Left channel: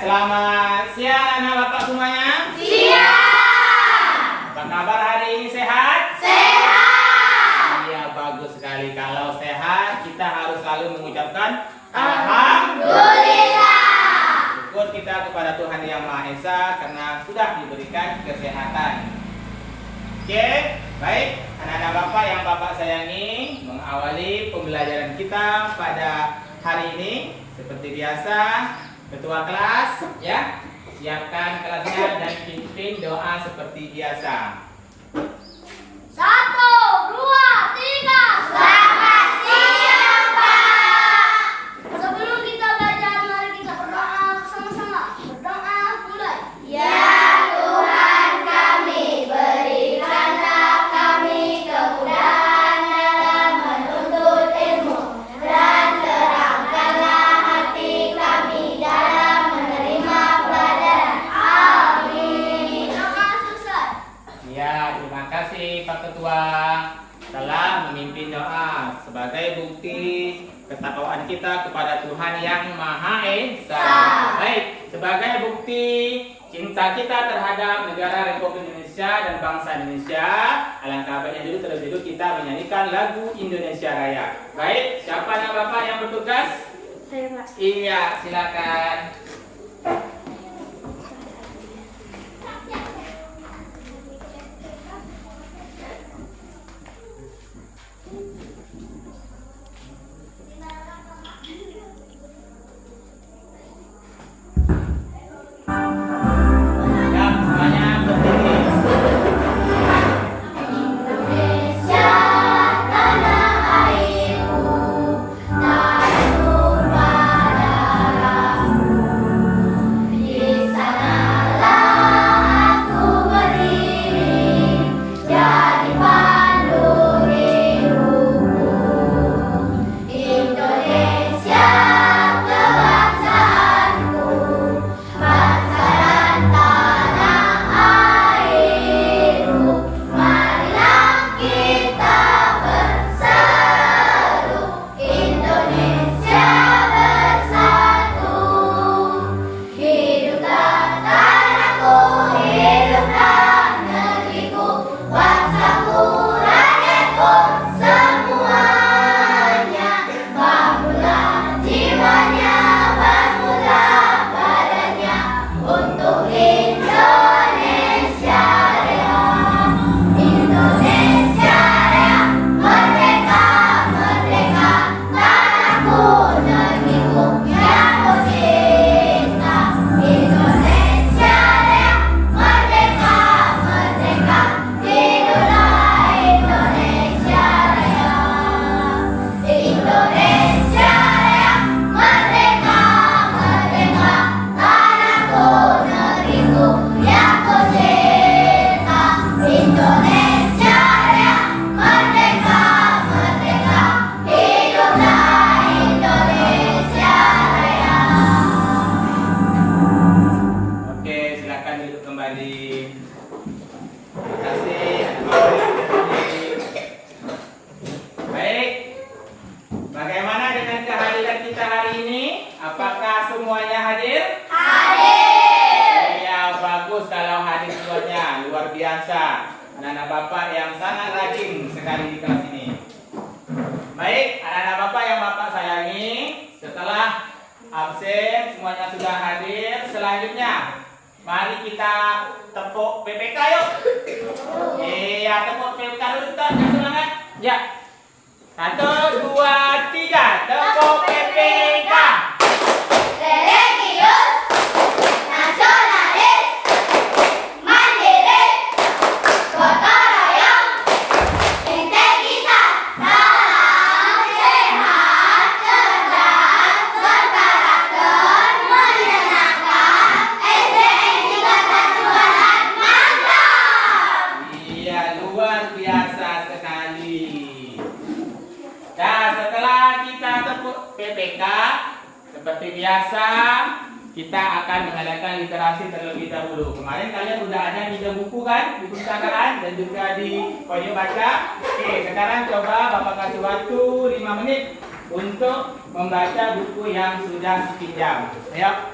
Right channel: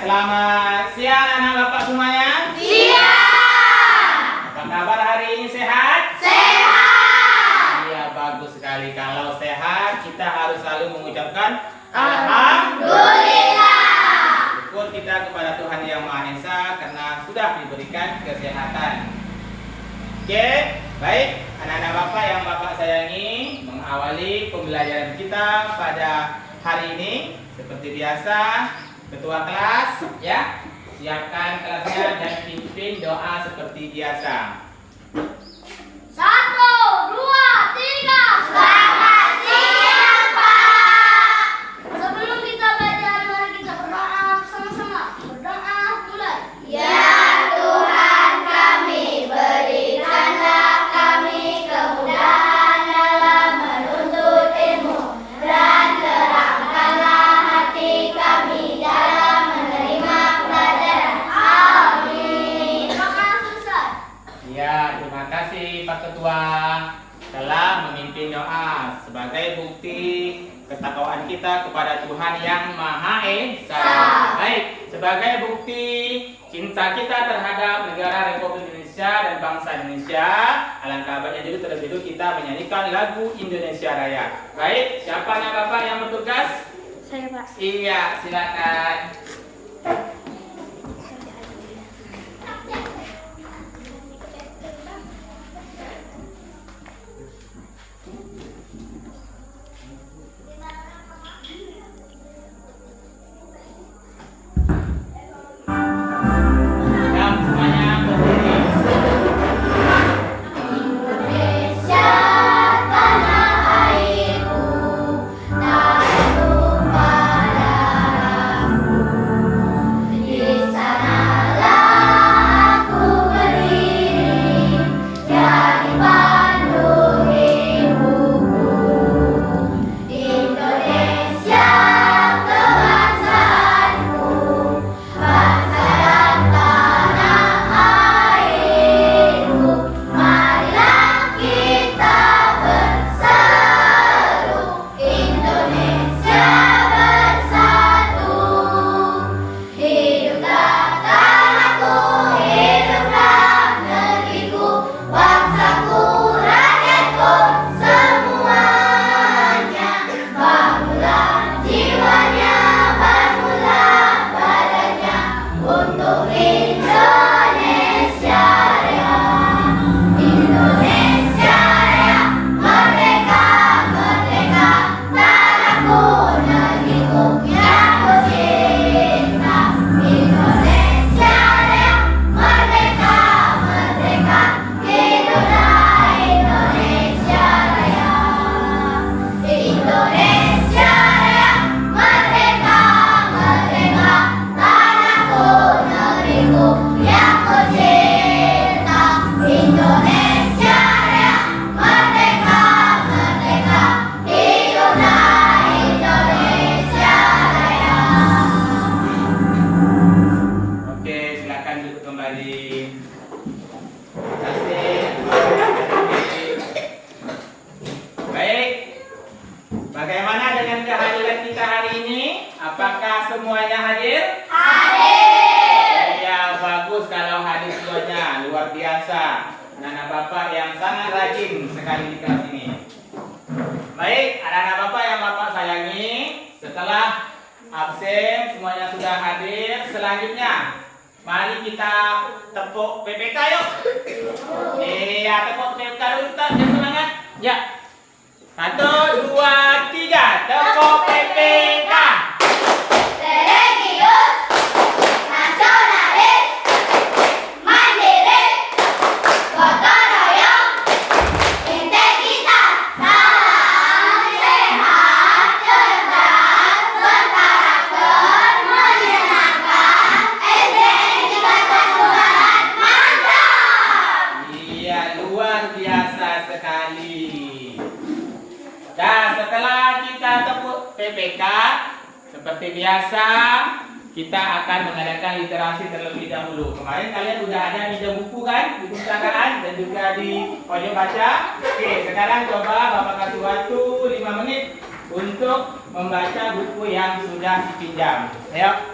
Selamat siang anak bapak semuanya. Siap. Apa kabar hari ini, sehat? Sehat. Iya, bagus sekali. Kalau sehat, kita harus selalu mengucapkan Alhamdulillah. Syukur kita kepada Tuhan Yang Maha Esa karena sudah diberikan kesehatan. Oke, baik anak-anak bapak yang bapak sayangi, mengawali pembelajaran kita pada hari ini seperti biasa. Ketua kelas, ya, siapkan kelasnya dan pimpin doa seperti biasa. 1, 2, 3. Selamat siang, Pak. Sebelum kita belajar, mari kita berdoa sama-sama. Berdoa mulai. Ya Tuhan kami, berikanlah kami kemudahan dalam menuntut ilmu dan terangkanlah hati kami dalam menerima pelajaran. Amin. Doa selesai. Ya, terima kasih Pak Ketua telah memimpin doa sebagai bukti ketakwaan kita kepada Tuhan Yang Maha Esa. Baik, sebagai bukti cinta kita terhadap negara Republik Indonesia dan bangsa Indonesia, alangkah baiknya dulu terlebih dahulu kita menyanyikan lagu Indonesia Raya. Baik, siapa anak bapak yang bertugas? Saya, Pak. Iya, silakan. Siap, semuanya berdiri. Indonesia tanah airku, tanduk pada darahku. Di sanalah aku berdiri, jadi pandu hidupku. Indonesia kebangsaanku, bangsa dan tanah airku. Marilah kita berseru, Indonesia bersatu. Hiduplah tanahku, hiduplah negeriku, bangsaku, rakyatku, semuanya. Bangunlah jiwanya, bangunlah badannya untuk Indonesia Raya. Indonesia Raya, merdeka, merdeka, tanahku, negeriku yang ku cinta. Indonesia Raya, merdeka, merdeka, hiduplah Indonesia Raya. Indonesia Raya, merdeka, merdeka, tanahku, negeriku yang ku cinta. Indonesia Raya, merdeka, merdeka, hiduplah Indonesia Raya. Oke, silakan duduk kembali. Terima kasih. Baik. Bagaimana dengan kehadiran kita hari ini? Apakah semuanya hadir? Hadir. Ya, bagus kalau hadir semuanya. Luar biasa. Anak-anak bapak yang sangat rajin sekali di kelas ini. Baik, anak-anak bapak yang bapak sayangi, setelah absen semuanya sudah hadir. Selanjutnya, mari kita tepuk PPK yuk. Iya, tepuk PPK dulu kita, jangan semangat. Ya. 1, 2, 3, tepuk PPK. Religius, nasionalis, mandiri, gotong royong, integritas, salam sehat, cerdas, berkarakter, menyenangkan, SDM 31 Barat, mantap! Iya, luar biasa sekali. Dan setelah kita tepuk PPK, seperti biasa, kita akan mengadakan literasi terlebih dahulu. Kemarin kalian sudah ada meja buku kan, di perpustakaan dan juga di pojok baca. Oke, sekarang coba Bapak kasih waktu 5 menit untuk membaca buku yang sudah dipinjam. Ayo.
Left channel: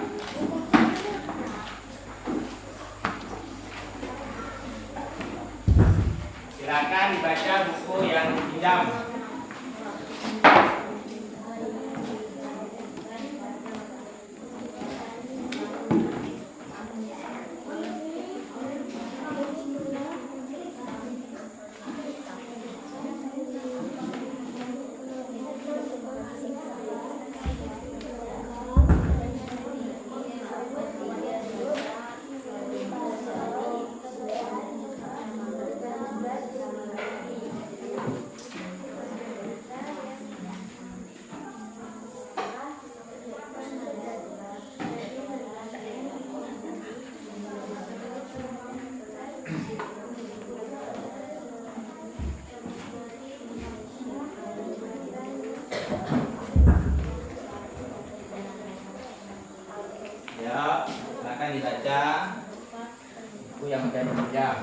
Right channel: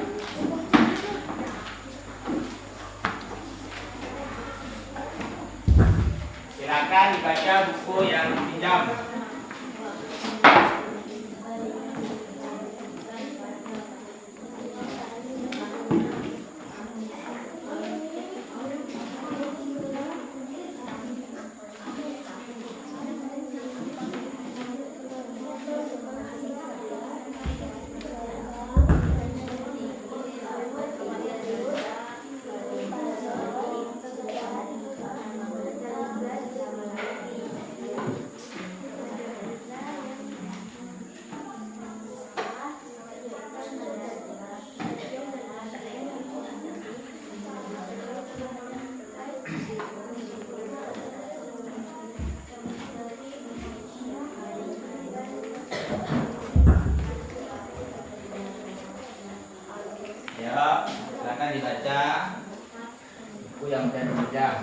Silakan dibaca buku yang dipinjam. Ya, silakan dibaca buku yang sudah dipinjam.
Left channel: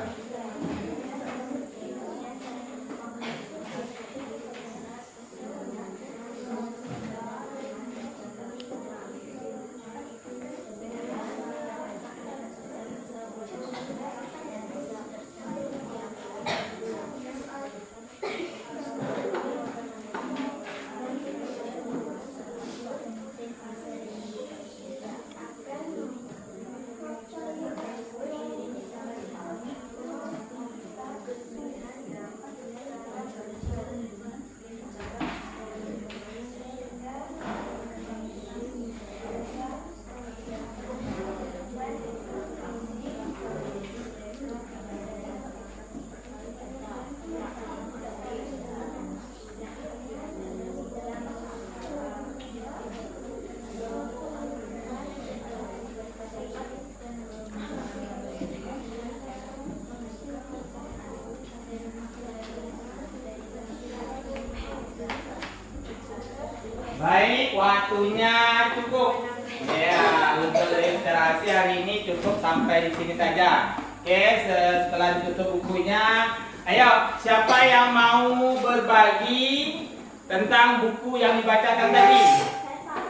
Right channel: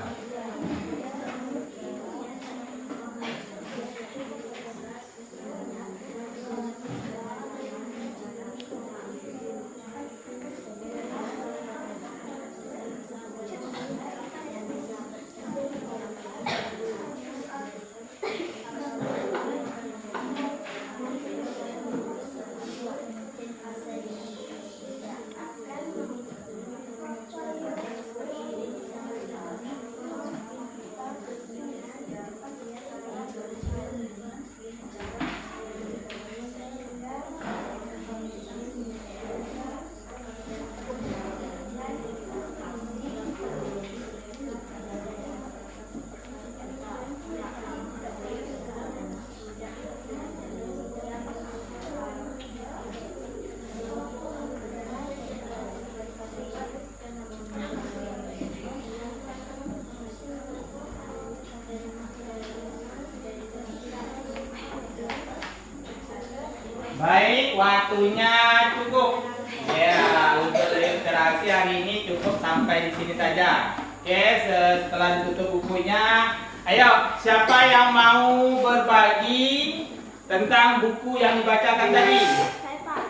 Baik, waktunya cukup. Ya, untuk interaksi hari ini cukup sampai di sini saja. Oke, setelah ditutup bukunya, ayo siapa yang mau berbagi tentang buku yang dibacakan tadi?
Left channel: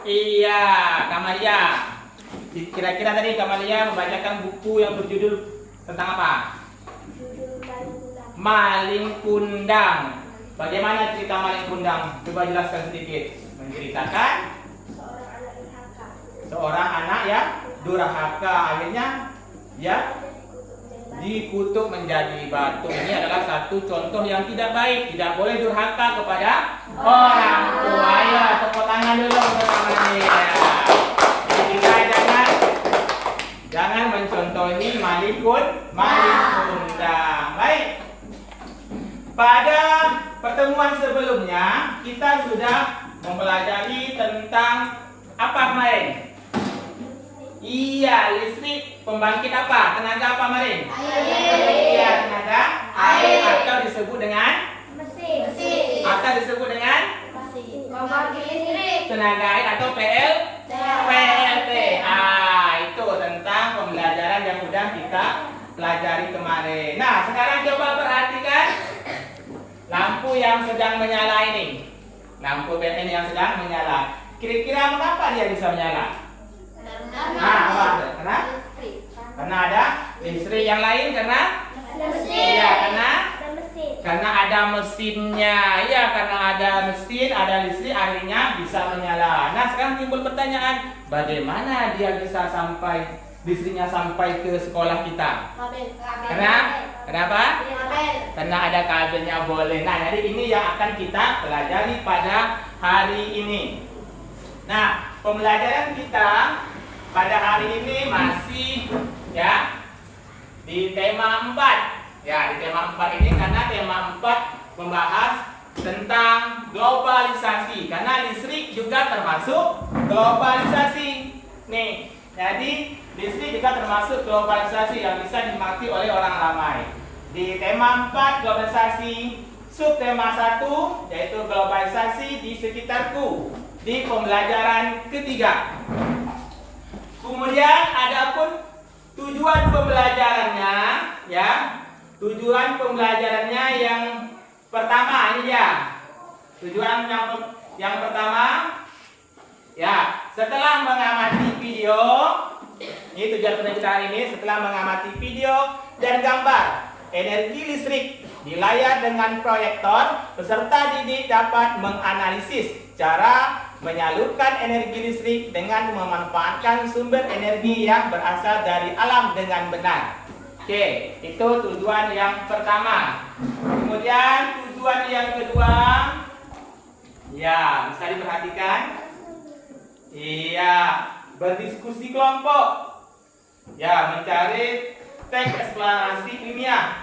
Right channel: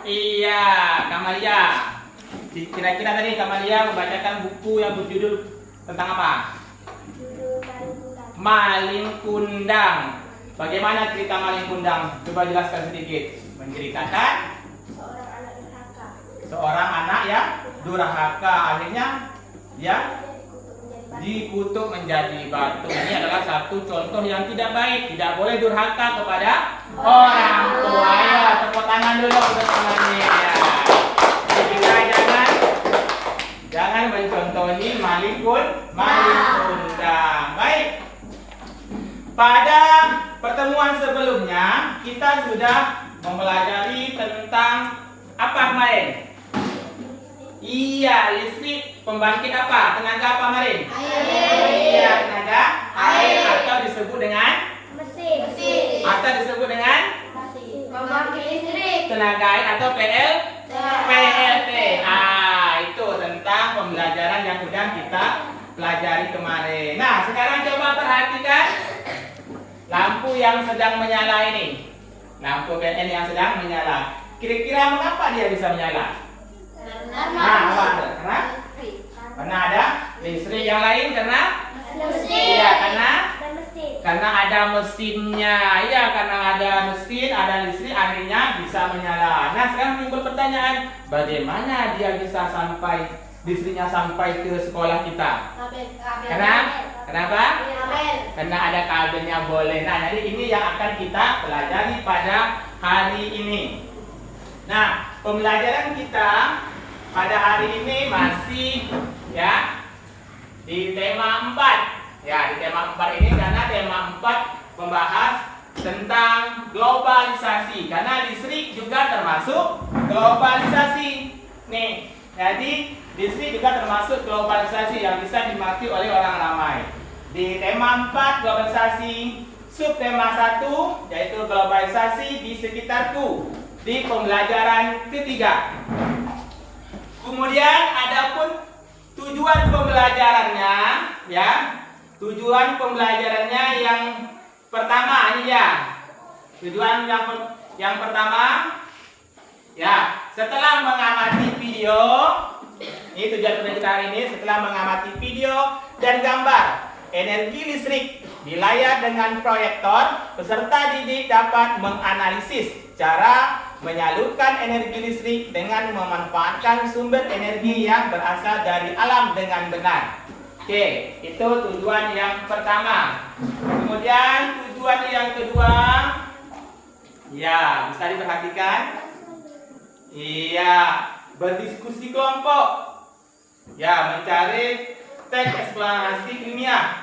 Iya, Kamalia. Kira-kira tadi Kamalia membacakan buku yang berjudul tentang apa? Maling Kundang. Bagaimana cerita Maling Kundang? Coba jelaskan sedikit. Menceritakan seorang anak yang durhaka, akhirnya ya dikutuk menjadi batu. Ini adalah satu contoh yang tidak baik. Tidak boleh durhaka kepada orang tua. Ya, tepuk tangan dulu untuk tangannya. Kita jangan mencontohi maling kundang. Baik. Pada pertemuan sebelumnya kita sudah mempelajari tentang apa kemarin? Iya, listrik. Pembangkit apa? Tenaga apa kemarin? Air. Iya, tenaga air. Atau disebut dengan Mesin. atau disebut dengan Pembangkit listrik. tenaga air atau PLT. Itu tentang pembelajaran yang sudah kita pelajari kemarin. Nah, sekarang coba perhatikan lampu yang sedang menyala ini. Lampu PLN yang sedang menyala. Kira-kira mengapa dia bisa menyala? Karena ada listrik. Yang lain karena iya, karena ada mesinnya. Ya, karena ada mesin, ada listrik, akhirnya bisa menyala. Nah, sekarang timbul pertanyaan, bagaimana dia bisa listriknya sampai ke sekolah kita? Kenapa? Karena ada kabelnya boleh. Nah, jadi ini yang akan kita pelajari pada hari ini. Nah, pembelajaran kita pada hari ini masih ya di tema 4. Ya, di tema 4 ini karena tema 4 membahas tentang globalisasi. Karena listrik juga termasuk globalisasi. Nih, jadi listrik juga termasuk globalisasi yang bisa dimengerti oleh orang ramai. Di tema 4 globalisasi, subtema 1 yaitu globalisasi di sekitarku di pembelajaran ketiga. Kemudian adapun tujuan pembelajarannya ya. Tujuan pembelajarannya yang pertama ini ya. Tujuan yang pertama ya, setelah mengamati video, ini tujuan pembelajaran hari ini, setelah mengamati video dan gambar energi listrik Di layar dengan proyektor, peserta didik dapat menganalisis cara menyalurkan energi listrik dengan memanfaatkan sumber energi yang berasal dari alam dengan benar. Oke, itu tujuan yang pertama. Kemudian tujuan yang kedua, ya bisa diperhatikan. Iya, berdiskusi kelompok. Ya, mencari teks eksplorasi ilmiah.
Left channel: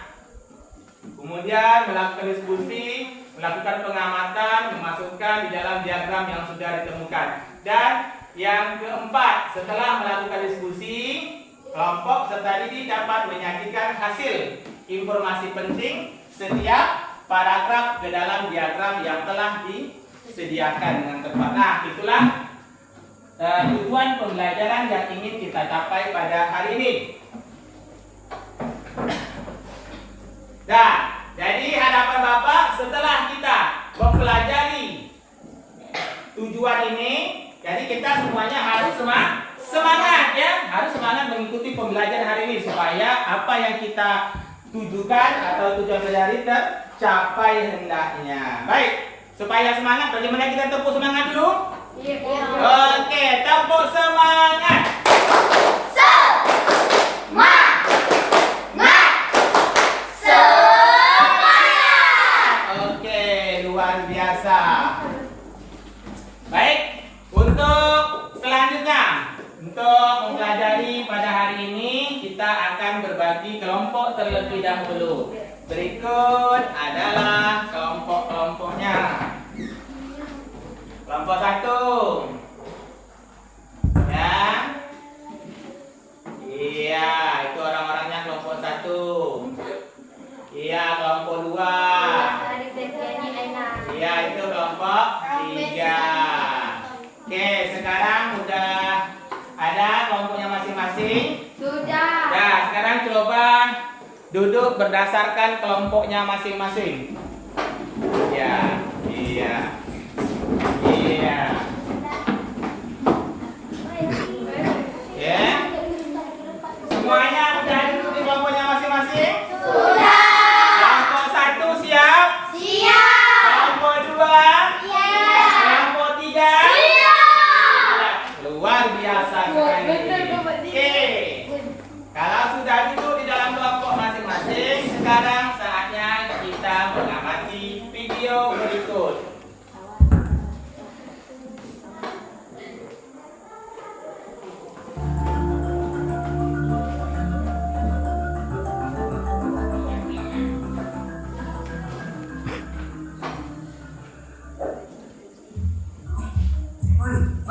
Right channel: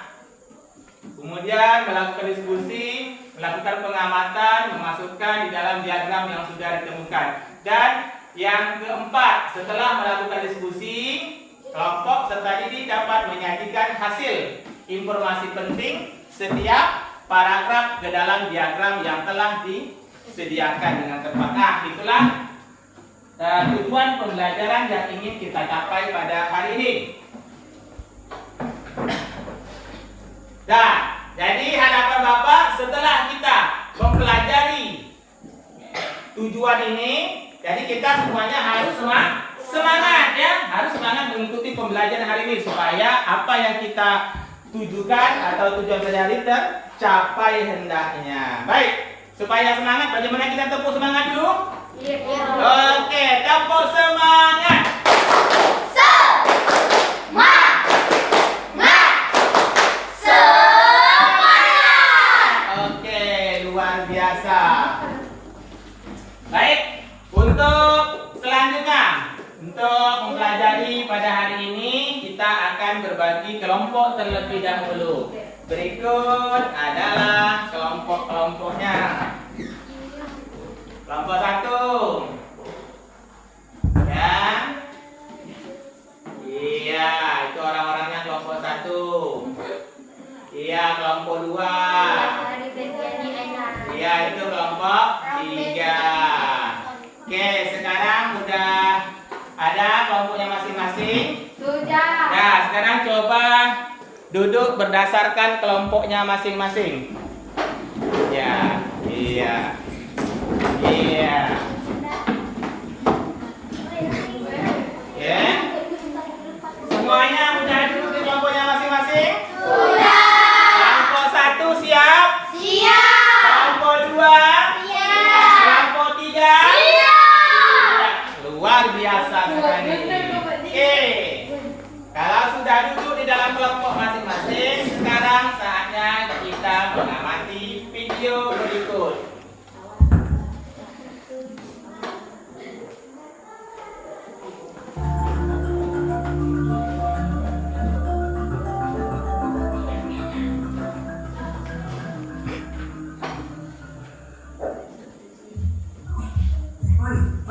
Kemudian melakukan diskusi, melakukan pengamatan, memasukkan di dalam diagram yang sudah ditemukan. Dan yang keempat, setelah melakukan diskusi, kelompok serta didik dapat menyajikan hasil informasi penting setiap paragraf ke dalam diagram yang telah disediakan dengan tepat. Nah, itulah tujuan pembelajaran yang ingin kita capai pada hari ini. Nah, jadi harapan Bapak setelah kita mempelajari tujuan ini, jadi kita semuanya harus semangat ya, harus semangat mengikuti pembelajaran hari ini supaya apa yang kita tujukan atau tujuan dari tercapai hendaknya. Baik, supaya semangat, bagaimana kita tepuk semangat dulu? Iya. Oke, tepuk semangat. Baik, untuk selanjutnya, untuk mempelajari pada hari ini kita akan berbagi kelompok terlebih dahulu. Berikut adalah kelompok-kelompoknya. Kelompok 1. Ya. Iya, itu orang-orangnya kelompok 1. Iya, kelompok 2. Iya, itu kelompok 3. Oke, sekarang udah ada kelompoknya masing-masing? Sudah. Nah, sekarang coba duduk berdasarkan kelompoknya masing-masing. Ya, iya. Iya. Ya. Semuanya udah duduk di kelompoknya masing-masing? Sudah. Kelompok 1 siap? Siap. Kelompok 2? Siap. Kelompok 3? Siap. Luar biasa sekali. Oke. Kalau sudah duduk di dalam kelompok masing-masing, sekarang saatnya kita mengamati video berikut.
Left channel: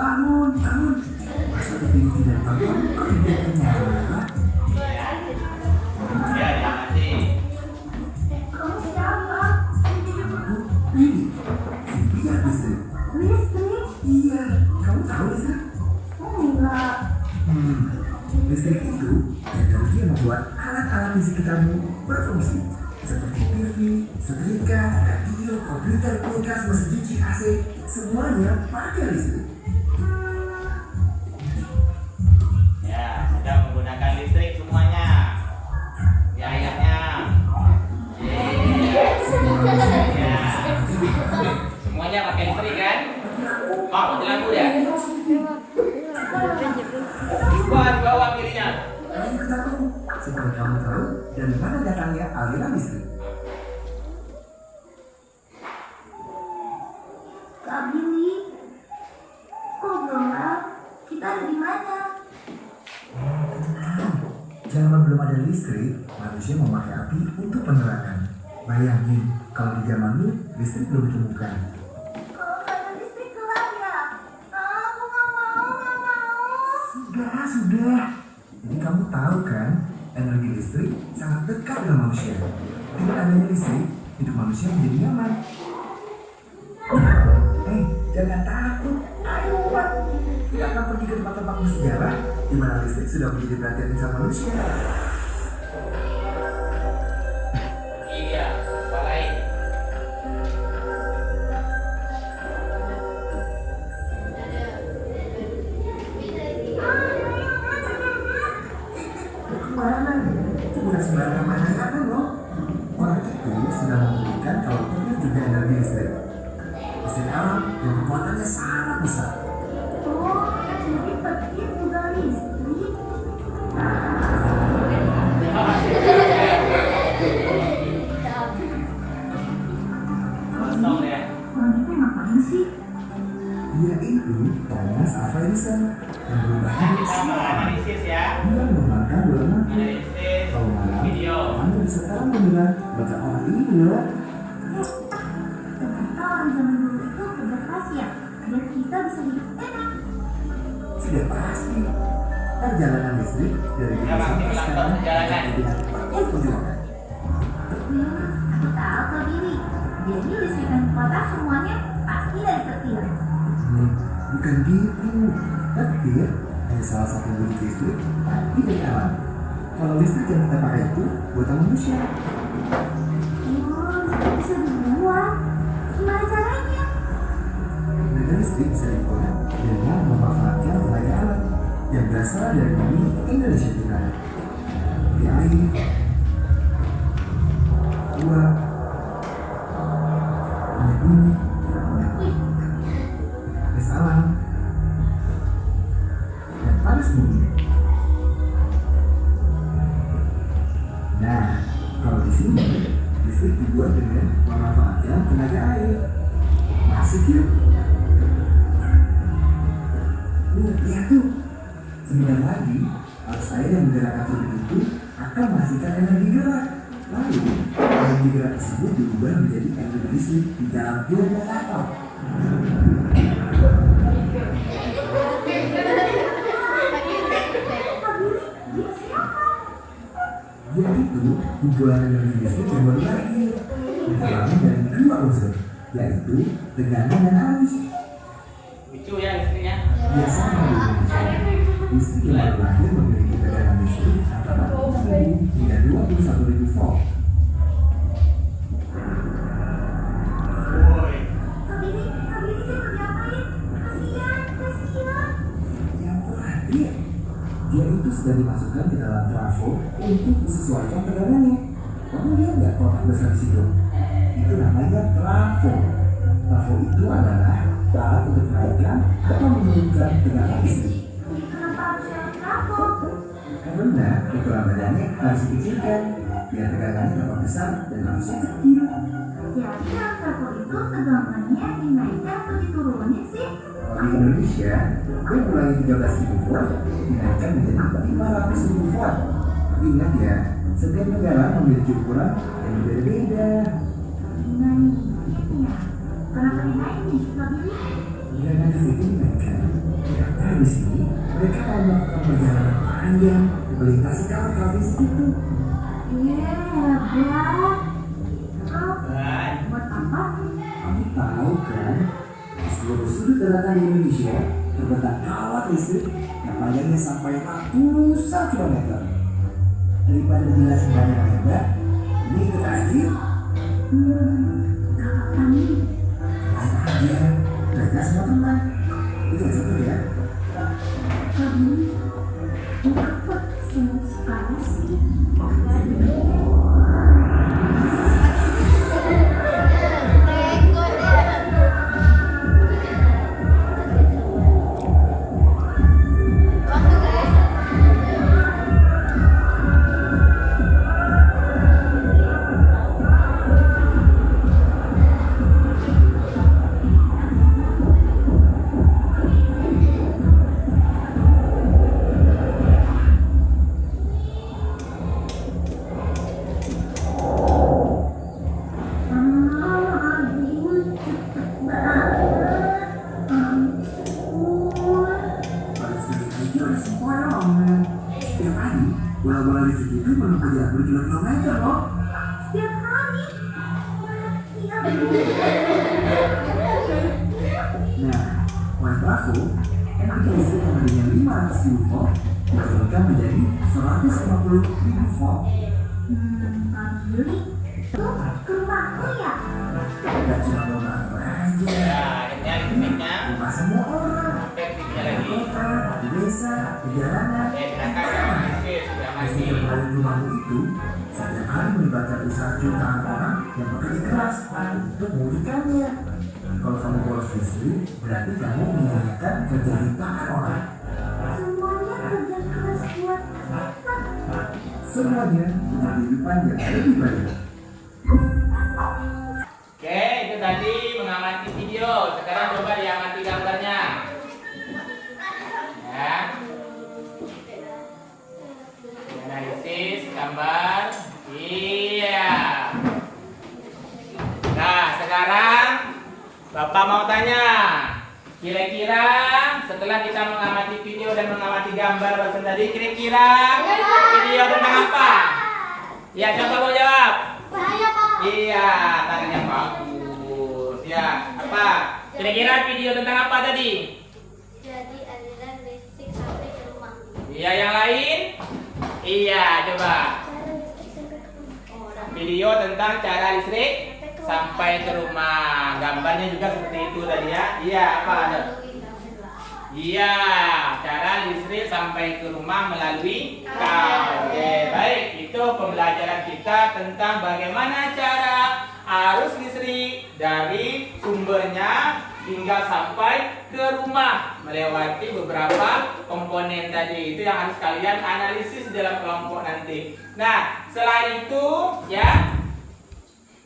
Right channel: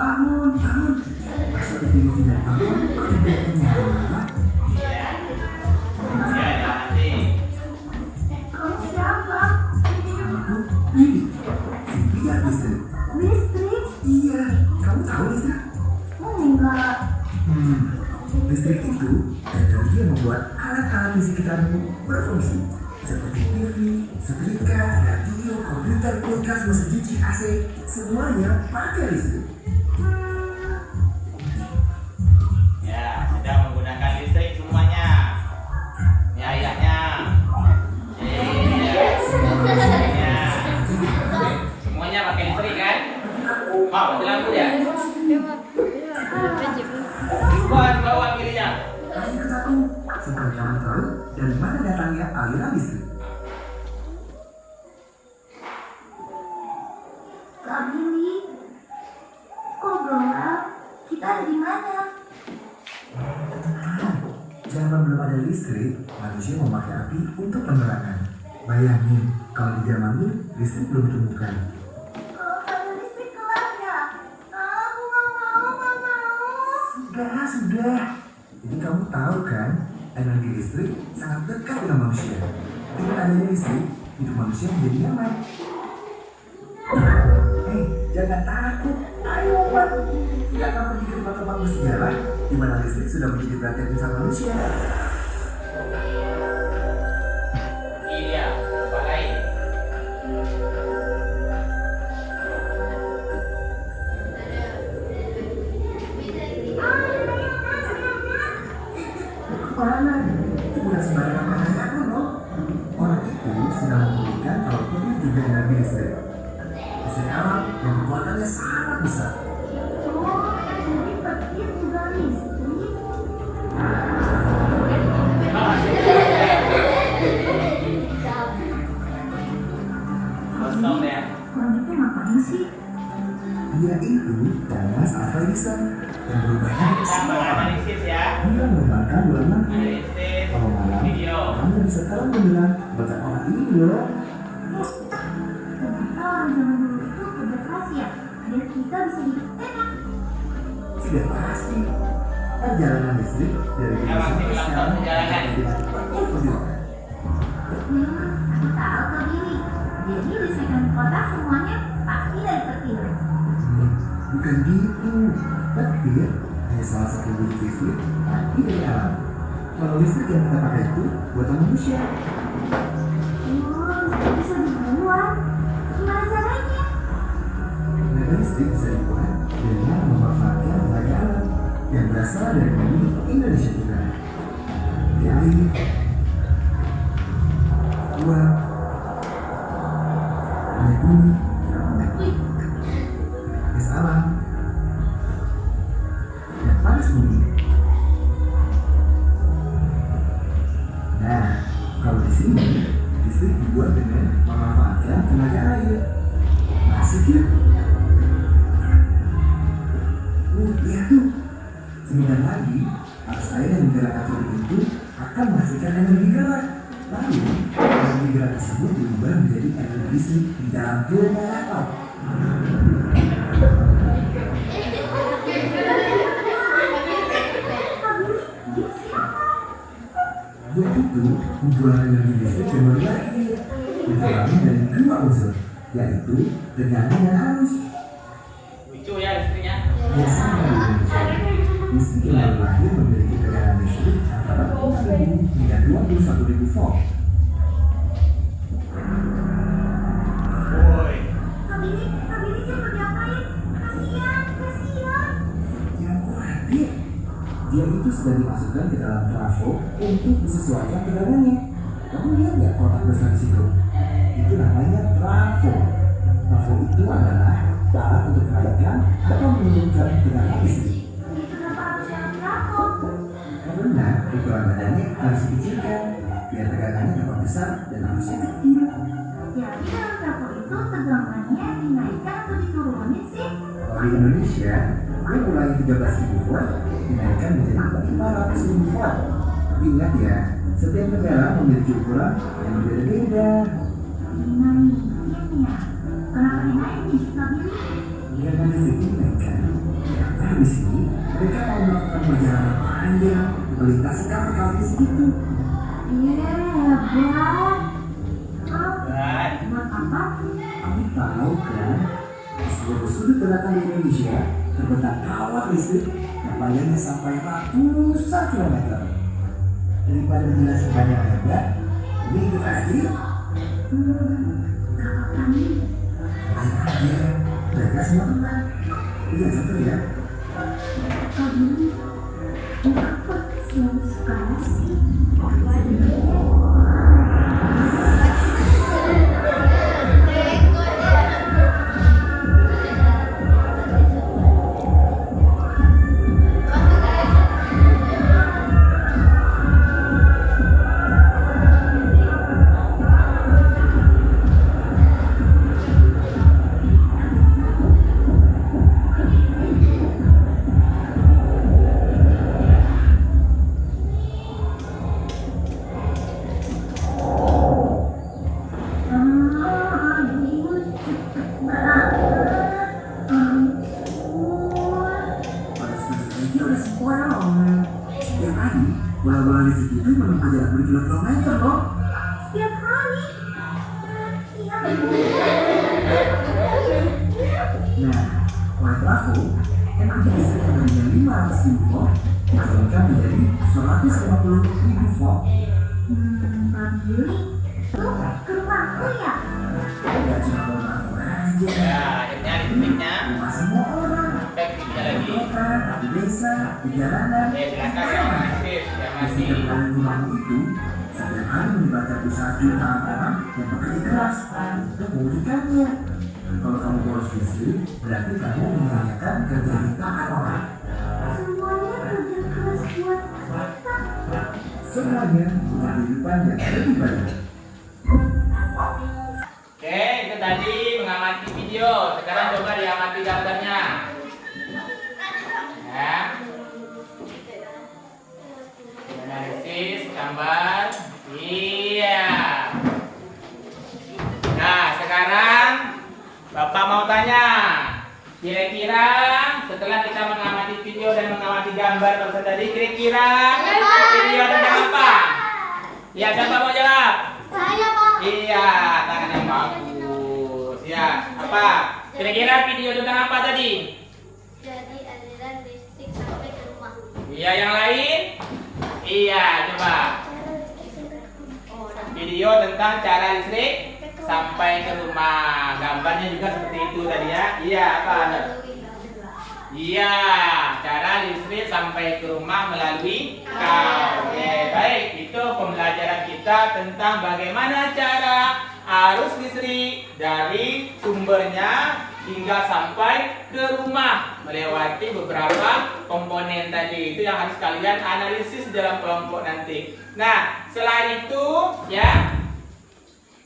Bangun. Masa TV tidak bangun, kok tidak nyala? Ya, nanti. Kamu siapa? Ini, Cynthia listrik. Listrik? Iya, kamu tahu listrik? Enggak. Listrik itu energi yang membuat alat-alat di sekitarmu berfungsi. Seperti TV, setrika, radio, komputer, kulkas, mesin cuci, AC, semuanya pakai listrik. Ya, sudah menggunakan listrik semuanya. Ya, ayahnya. Iya. Ya. Semuanya pakai listrik kan? Mau mati lampu ya? Buat bawa pilihnya. Ayo ikut aku, supaya kamu tahu dari mana datangnya aliran listrik. Kak Billy, kok gelap? Kita ada di mana? Tenang, zaman belum ada listrik, manusia memakai api untuk penerangan. Bayangin, kalau di zamanmu listrik belum ditemukan. Kalau ada listrik gelap nggak? Aku nggak mau. Sudah. Jadi kamu tahu kan, energi listrik sangat dekat dengan manusia. Dengan adanya listrik, hidup manusia menjadi nyaman. Jangan takut. Ayo, Pak. Kita akan pergi ke tempat-tempat bersejarah di mana listrik sudah menjadi perhatian insan manusia. Iya, apa lain? Orang itu bukan sembarangan pandangan loh. Orang itu dan kekuatannya sangat besar. Oh, jadi petir juga listrik. Kosong ya. Orang itu ngapain sih? Dia itu Thomas Alva Edison yang berubah Kita semua orang. menganalisis ya. Dia mengembangkan bola mati. Analisis Kalau malam, video. kamu bisa tahu bilang baca orang ini loh. Ternyata orang zaman dulu itu kerja keras ya, biar kita bisa hidup enak. Sudah pasti. Perjalanan listrik dari Ya, dulu pasti sampai ulang sekarang tahun perjalanan. dengan penuh perjuangan. Aku tahu kok Billy. Jadi listrik dan kota semuanya pasti dari petir. Bukan gitu. Petir hanya salah satu wujud listrik tapi dari alam. Kalau listrik yang kita pakai itu buatan manusia. Oh, listrik bisa dibuat. Gimana caranya? Tenaga listrik bisa dibuat dengan memanfaatkan tenaga alam yang berasal dari bumi Indonesia Tengah. Dari air, uap, minyak bumi, gas alam, dan panas bumi. Nah, kalau di sini listrik dibuat dengan memanfaatkan tenaga air. Masuk yuk. Lihat tuh. Sebentar lagi, arus air yang menggerakkan turbin itu akan menghasilkan energi gerak. Lalu, energi gerak tersebut diubah menjadi energi listrik di dalam generator. Dia siapa? Dia itu kumpulan energi listrik yang baru lahir. Diterangkan dari dua unsur, yaitu tegangan dan arus. Lucu ya listriknya. Biasanya di Indonesia, listrik yang baru lahir memiliki tegangan listrik antara 6.000 hingga 21.000 volt. Woi. Kak Billy siapa diapain? Kasihan. Yang hadir, dia itu sudah dimasukkan ke dalam trafo untuk disesuaikan tegangannya. Kamu lihat nggak kotak besar di situ? Itu namanya trafo. Trafo itu adalah alat untuk menaikkan atau menurunkan tegangan listrik. Kenapa harus yang trafo? Karena ukuran badannya harus dikecilkan biar tegangannya dapat besar dan arusnya kecil. Jadi dalam trafo itu tegangannya dinaikkan atau diturunin sih? Kalau di Indonesia, dia mulai 13.000 volt dinaikkan menjadi 500.000 volt. Tapi ingat ya, setiap negara memiliki ukuran yang berbeda-beda. Dinaikin ya? Kenapa dinaikin sih Kak Billy? Dengan listrik dinaikkan, nah di sini mereka mau melakukan perjalanan panjang melintasi kawat-kawat listrik itu. Hebat. Dan Buat apa? Kamu tahu kan, di seluruh sudut daratan di Indonesia terbentak kawat listrik yang panjangnya sampai ratusan kilometer. Daripada dijelasin banyak lebar, ini kita aja yuk. Gak apa nih. Lain aja, mereka semua teman. Lihat satu ya. Kak Billy, kenapa serius sekali sih? Setiap hari, bola-bola listrik itu menempuh jarak berkilometer loh. Setiap hari. Iya. Nah, oleh trafo, energi listrik yang tadinya 500.000 volt diturunkan menjadi 150.000 volt. Kak Billy, tuh ke rumahku ya? Gak cuma rumah aja, ya akhirnya listriknya rumah semua orang. sampai tiga Di lagi. kota, di desa, di jalanan. Oke, silakan ya aktif ya masih. Listrik yang paling rumahmu itu setiap hari melibatkan usaha jutaan orang yang bekerja keras untuk mewujudkannya. Kalau kamu boros listrik, berarti kamu menyanyikan kerja rintangan orang. Semuanya kerja keras buat kita. Semuanya untuk kehidupan yang lebih baik. Oke, itu tadi mengamati video. Sekarang coba diamati gambarnya. Ya. Analisis gambar. Iya. Nah, sekarang Bapak mau tanya. Kira-kira setelah kita mengamati video dan mengamati gambar barusan tadi, kira-kira video tentang apa? Ya, siapa mau jawab? Saya, Pak. Iya, tangan yang bagus. Ya, apa? Kira-kira video tentang apa tadi? Jadi aliran listrik sampai ke rumah. Iya, yang lain? Iya, coba. Video tentang cara listrik sampai ke rumah. Gambarnya juga seperti itu tadi ya. Iya, apa? Iya, cara listrik sampai ke rumah melalui kabel. Oke, baik. Itu pembelajaran kita tentang bagaimana cara arus listrik dari sumbernya hingga sampai ke rumah melewati beberapa komponen tadi. Itu yang harus kalian analisis dalam kelompok nanti. Nah, selain itu ya,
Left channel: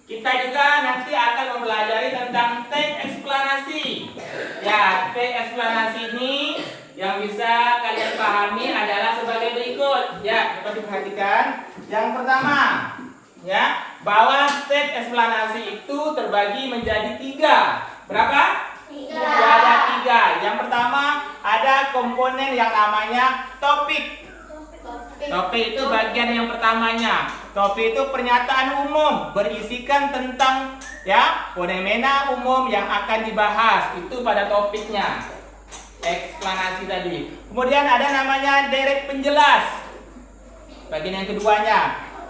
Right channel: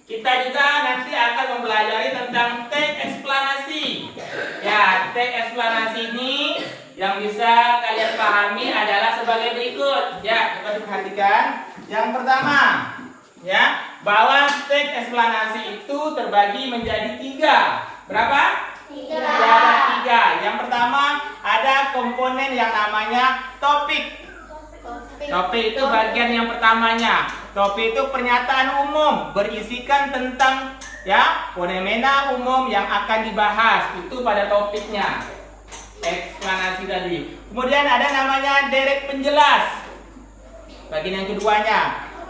kita juga nanti akan mempelajari tentang teks eksplanasi. Ya, teks eksplanasi ini yang bisa kalian pahami adalah sebagai berikut. Ya, coba diperhatikan. Yang pertama, ya, bahwa teks eksplanasi itu terbagi menjadi 3. Berapa? 3. Ya, ada 3. Yang pertama, ada komponen yang namanya topik. Topik itu bagian yang pertamanya. Topik itu pernyataan umum berisikan tentang ya fenomena umum yang akan dibahas. Itu pada topiknya. Eksplanasi tadi. Kemudian ada namanya deret penjelas. Bagian yang keduanya.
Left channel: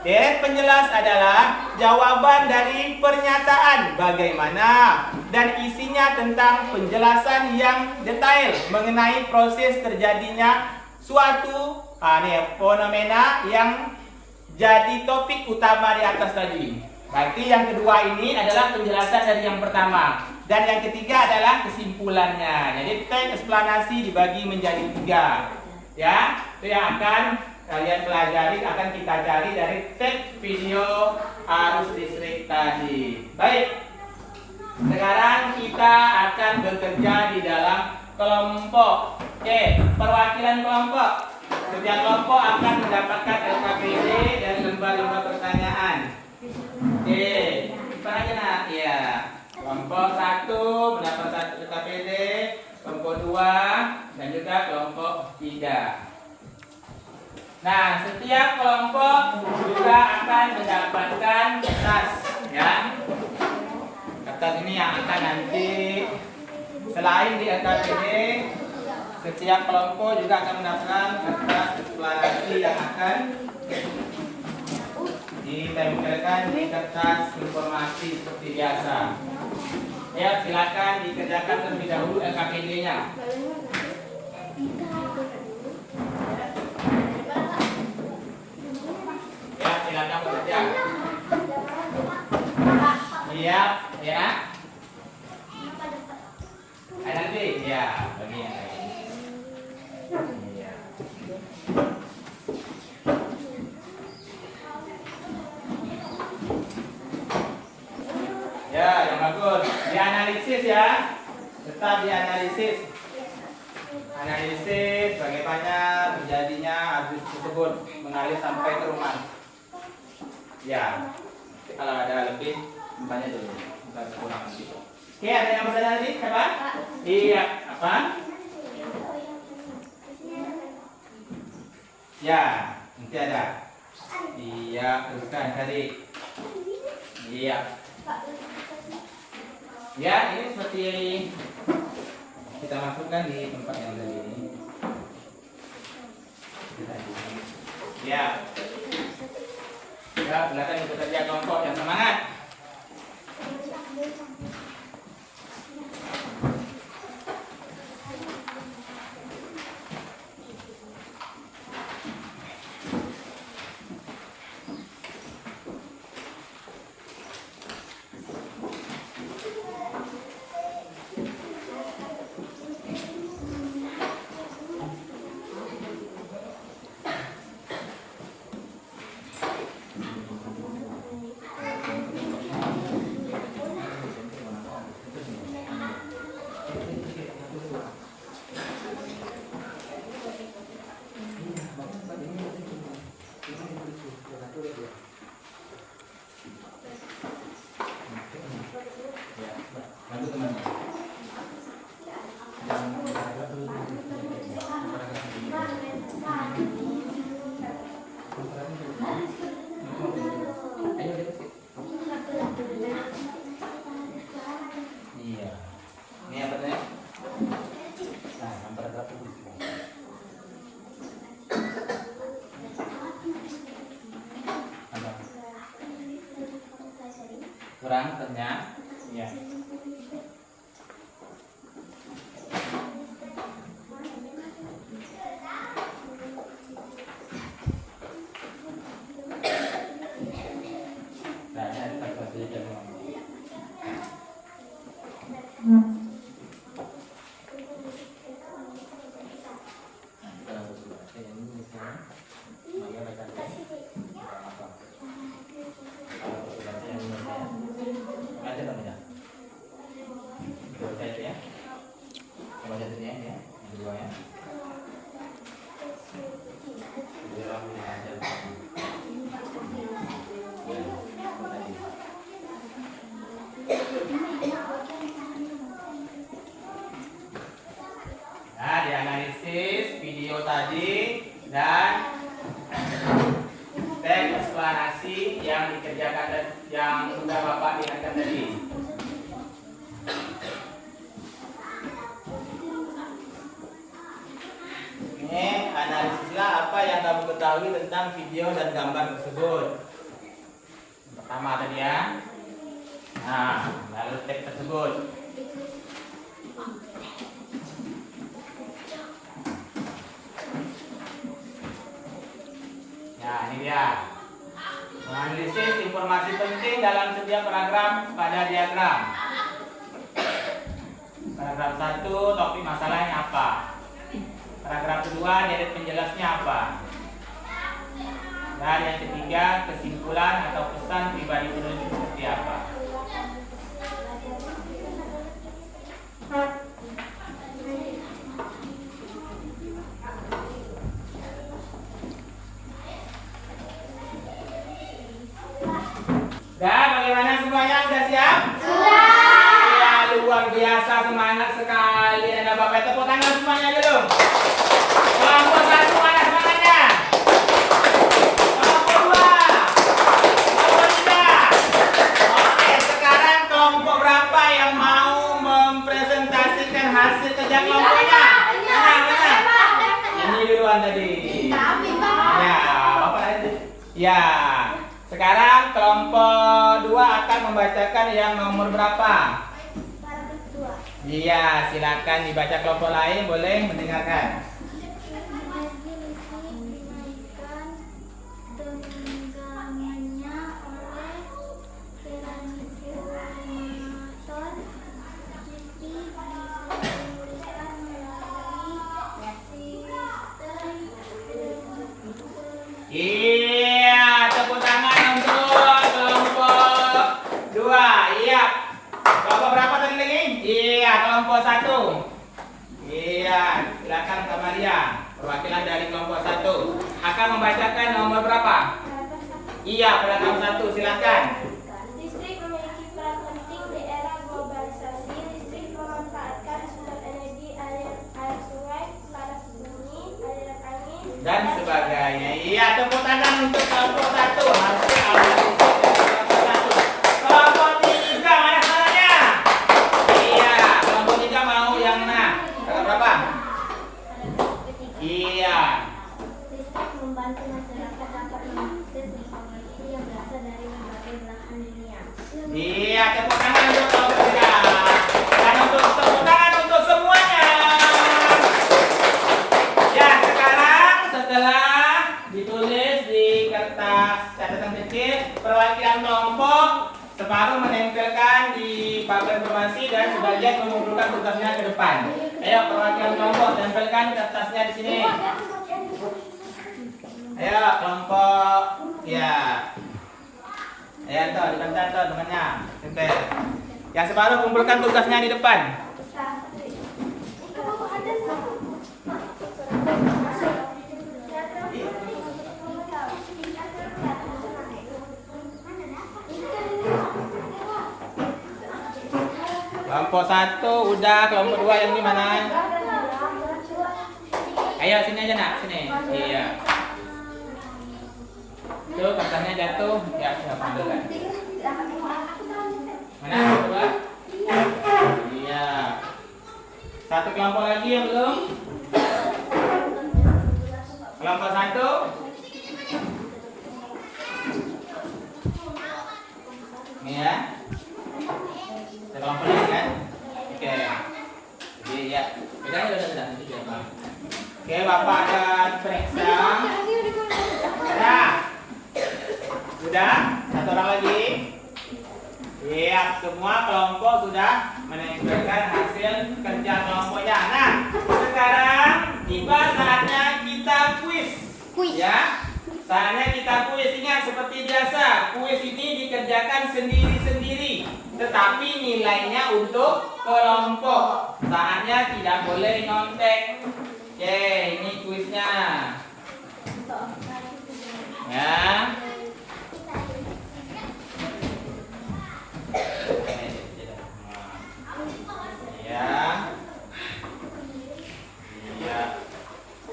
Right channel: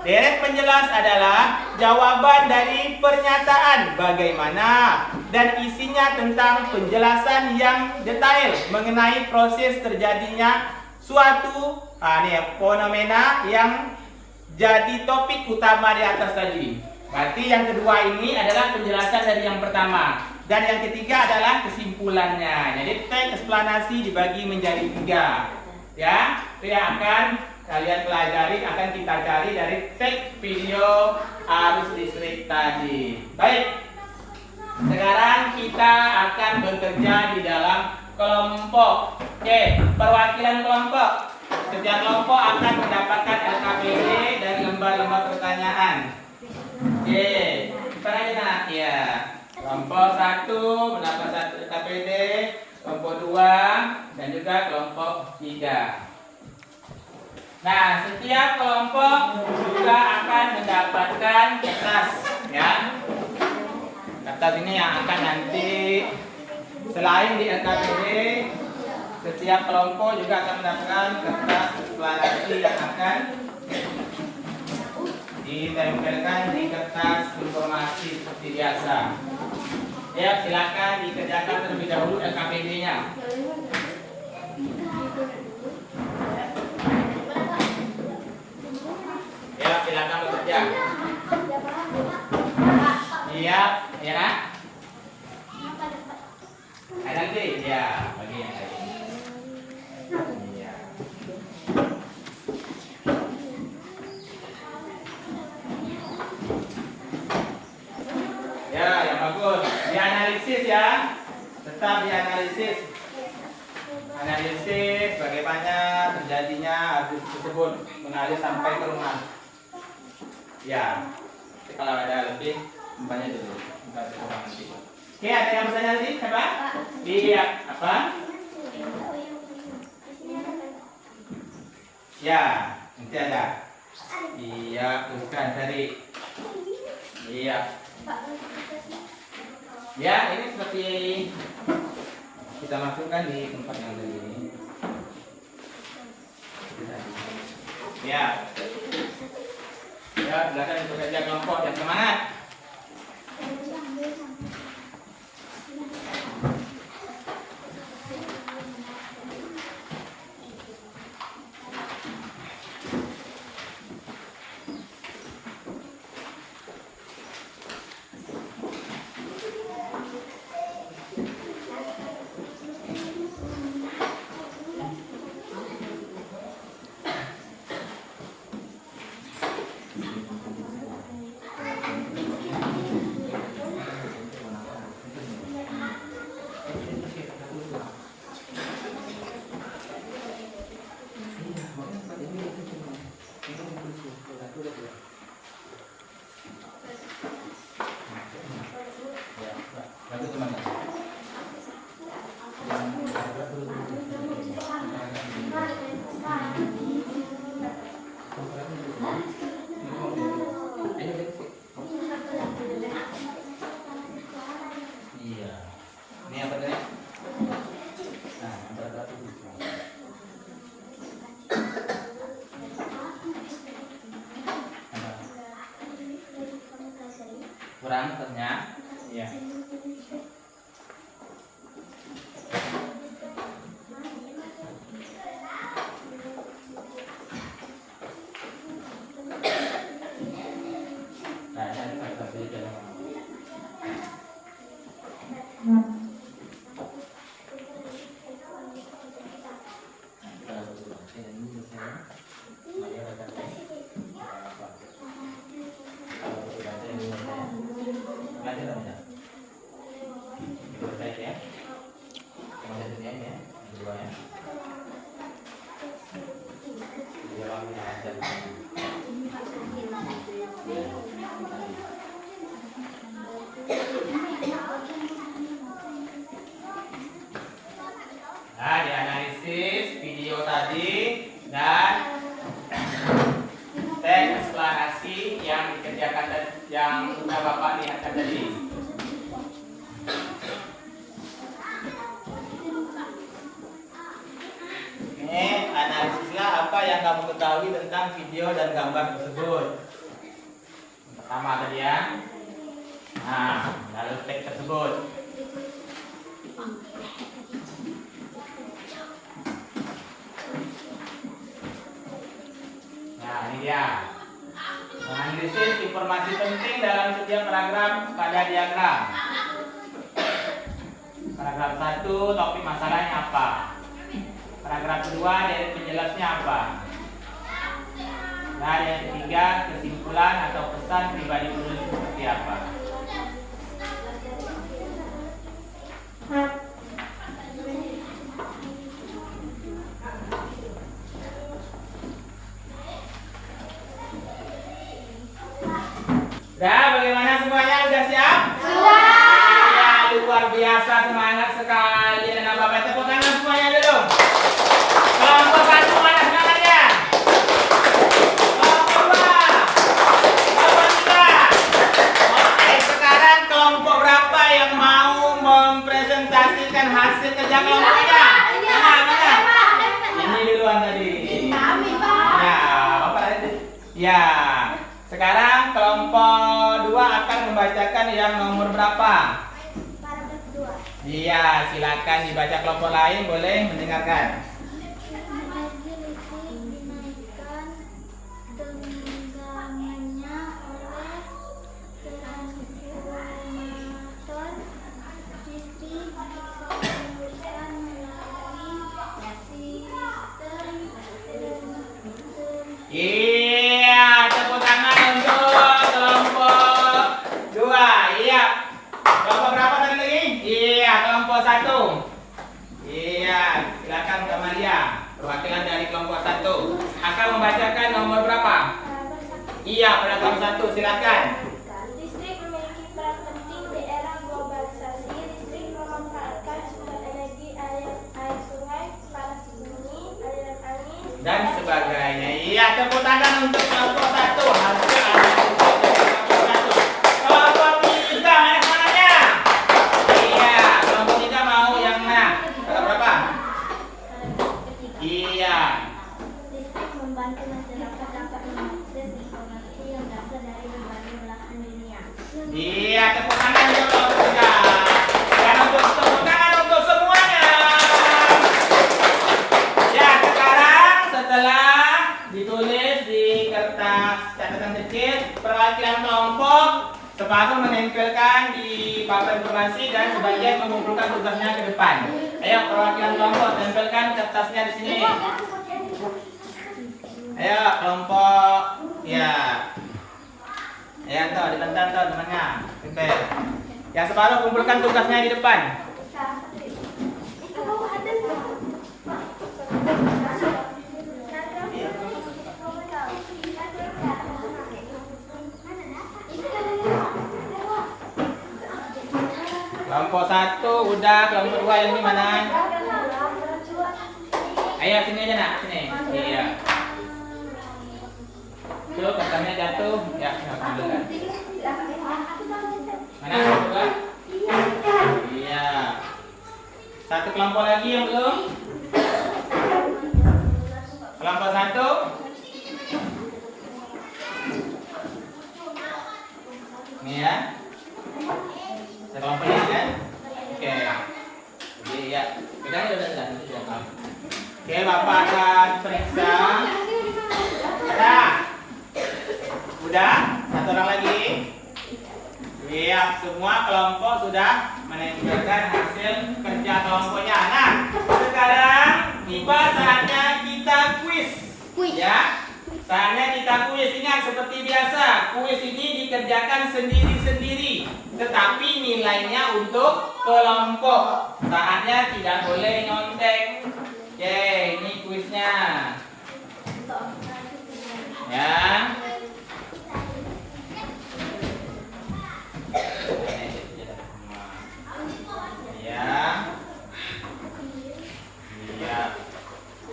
Deret penjelas adalah jawaban dari pernyataan bagaimana dan isinya tentang penjelasan yang detail mengenai proses terjadinya suatu fenomena yang jadi topik utama di atas tadi. Berarti yang kedua ini adalah penjelasan dari yang pertama. Dan yang ketiga adalah kesimpulannya. Jadi teks eksplanasi dibagi menjadi 3. Ya, itu yang akan kalian pelajari, akan kita cari dari teks video arus listrik tadi. Baik. Sekarang kita akan bekerja di dalam kelompok. Oke, perwakilan kelompok. Setiap kelompok akan mendapatkan LKPD dari lembar-lembar pertanyaan. Oke, kita aja nak. Ya, kelompok 1 mendapat 1 LKPD, kelompok 2 dan juga kelompok 3. Nah, setiap kelompok juga akan mendapatkan kertas, ya. Kertas ini yang akan nanti selain di LKPD, setiap kelompok juga akan mendapatkan kertas eksplanasi yang akan ditempelkan di kertas informasi seperti biasa. Ya, silakan dikerjakan terlebih dahulu LKPD-nya. Ya, silakan bekerja. Iya, ya nak. Nanti, ya, bagi yang lain. Iya. Ya, yang bagus. Dianalisis ya. Tetap dianalisis. Analisis bagaimana terjadinya arus tersebut mengalir sampai ke rumah. Ya. Kalau ada lebih, banyak dulu. Bukan kurang nanti. Oke, ada yang bertanya lagi? Siapa? Iya. Apa? Ya, nanti ada. Iya, tuliskan tadi. Iya. Ya, ini seperti kita masukkan di tempat yang tadi ini. Ya. Ya, silakan bekerja kelompok yang semangat. Iya. Ini apa tadi? Nah, yang paragraf itu. Apa? Kurang ternyata. Iya. Nah, ini paragraf itu jadi Nah, dianalisis video tadi dan teks eksplanasi yang dikerjakan dan yang sudah Bapak lihatkan tadi. Ini analisislah apa yang kamu ketahui tentang video dan gambar tersebut. Pertama tadi ya. Nah, lalu teks tersebut. Nah, ini dia. Menganalisis informasi penting dalam setiap paragraf pada diagram. Paragraf 1, topik masalahnya apa? Paragraf kedua, deret penjelasnya apa? Dan yang ketiga, kesimpulan atau pesan pribadi penulis seperti apa? Dah, bagaimana semuanya? Udah siap? Sudah. Iya, luar biasa, semangat sekali. Dan Bapak tepuk tangan semuanya dulu. Kelompok 1 mana semangatnya? Kelompok 2. Kelompok 3. Oke, sekarang kelompok berapa yang mau mempresentasikan hasil kerja kelompoknya? Mana? Ini duluan tadi. Ya, Bapak tadi. Ya. Sekarang kelompok 2 akan membacakan yang nomor berapa? Paragraf 2. Iya, silakan dibaca kelompok lain, boleh mendengarkan. Energi listrik dinaikkan tenggamannya oleh transformator listrik disalurkan melalui sistem Iya, tepuk tangan untuk kelompok 2. Iya. Kelompok berapa tadi? Iya, kelompok 1. Iya, silakan Kak Maria. Perwakilan dari kelompok 1 akan membacakan nomor berapa? paragraf 1. Iya, paragraf 1, silakan. Listrik memiliki peran penting di era globalisasi. Listrik memanfaatkan sumber energi air sungai, panas bumi, aliran angin, Dan sebagainya. Iya, tepuk tangan untuk kelompok 1. Hasil analisis dari kelompok 1. Kelompok 3 mana semuanya? Iya, kelompok 3 mau yang mana? Paragraf berapa? Paragraf ketiga. Iya. Listrik membantu masyarakat dapat mengakses informasi yang berasal dari berbagai belahan dunia. Iya, tepuk tangan untuk kelompok 3. Dan untuk tepuk tangan untuk semuanya. Ya, sekarang setelah ditulis di kertas catatan kecil, perwakilan kelompok separuh menempelkan di papan informasi dan sebagian mengumpulkan tugasnya ke depan. Ayo, perwakilan kelompok tempelkan kertasnya di sini. Ayo, kelompok. Ya. Ya, tuh, dibentar tuh temannya. Tempel. Yang separuh kumpulkan tugasnya di depan. Itu ada Kelompok 1 udah, kelompok 2 yang ini mana? Ayo sini aja nak, sini. Iya. Tuh kertasnya jatuh. Ya, alhamdulillah. Mana coba? Iya. Satu kelompok lagi yang belum? Kelompok satu. Ini ya. Kelompok ini kan? Oke. Jadi ya, udah. Nanti jawab. Oke, Bapak akan periksa. Udah? Satu orang lagi. Iya, semua kelompok sudah menunjukkan hasil kerja kelompoknya. Nah, sekarang tiba saatnya kita kuis. Ya, saatnya kita kuis. Ingat seperti biasa, kuis ini dikerjakan sendiri-sendiri, tetapi nilainya untuk kelompok. Saatnya tidak boleh nyontek. Oke, ini kuisnya. Ya. Iya.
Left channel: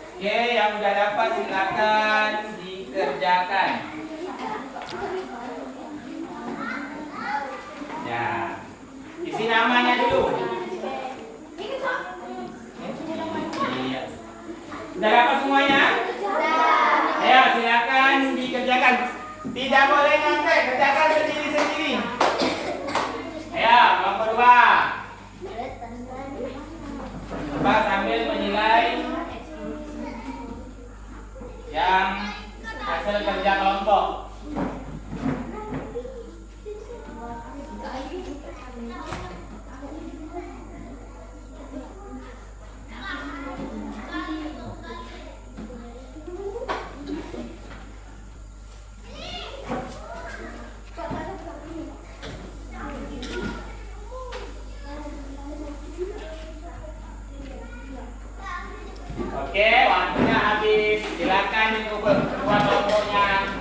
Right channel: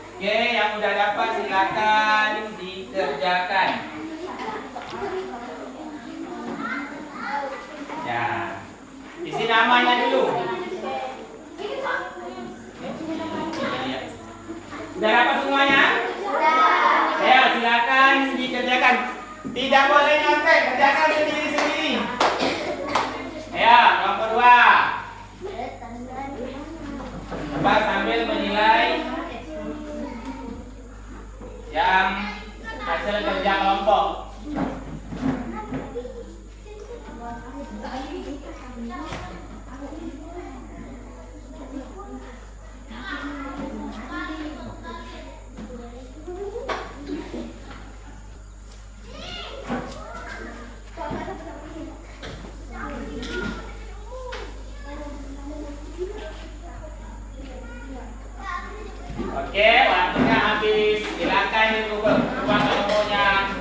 Oke, yang udah dapat silakan dikerjakan. Ya. Isi namanya dulu. Iya. Sudah dapat semuanya? Ya, silakan dikerjakan. Tidak boleh nyontek, kerjakan sendiri-sendiri. Ayo, kelompok 2. Coba sambil menilai yang hasil kerja kelompok. Oke, waktunya habis. Silakan dibuka kelompoknya.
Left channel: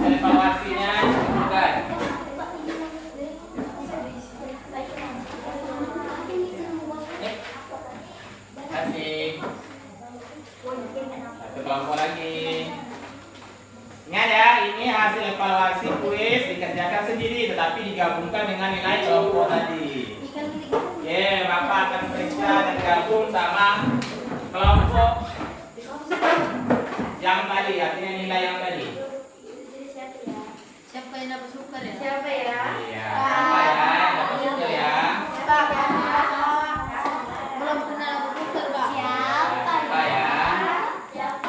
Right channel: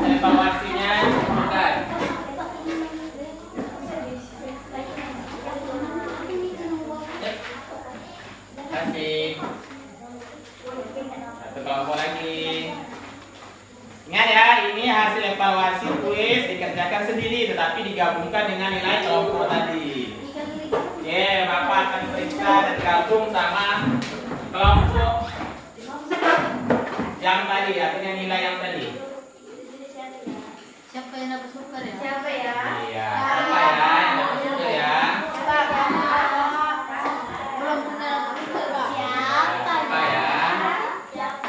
Evaluasinya dibuka. Kasih. Satu kelompok lagi. Ingat ya, ini hasil evaluasi kuis dikerjakan sendiri, tetapi digabungkan dengan nilai kelompok tadi. Oke, Bapak akan periksa dan gabung sama kelompok yang tadi, artinya nilai yang tadi. Siapa yang dapat super ya? Siapa ya? Iya, siapa ya yang dapat super ya? Belum pernah dapat super, Pak. Siapa ya? Siapa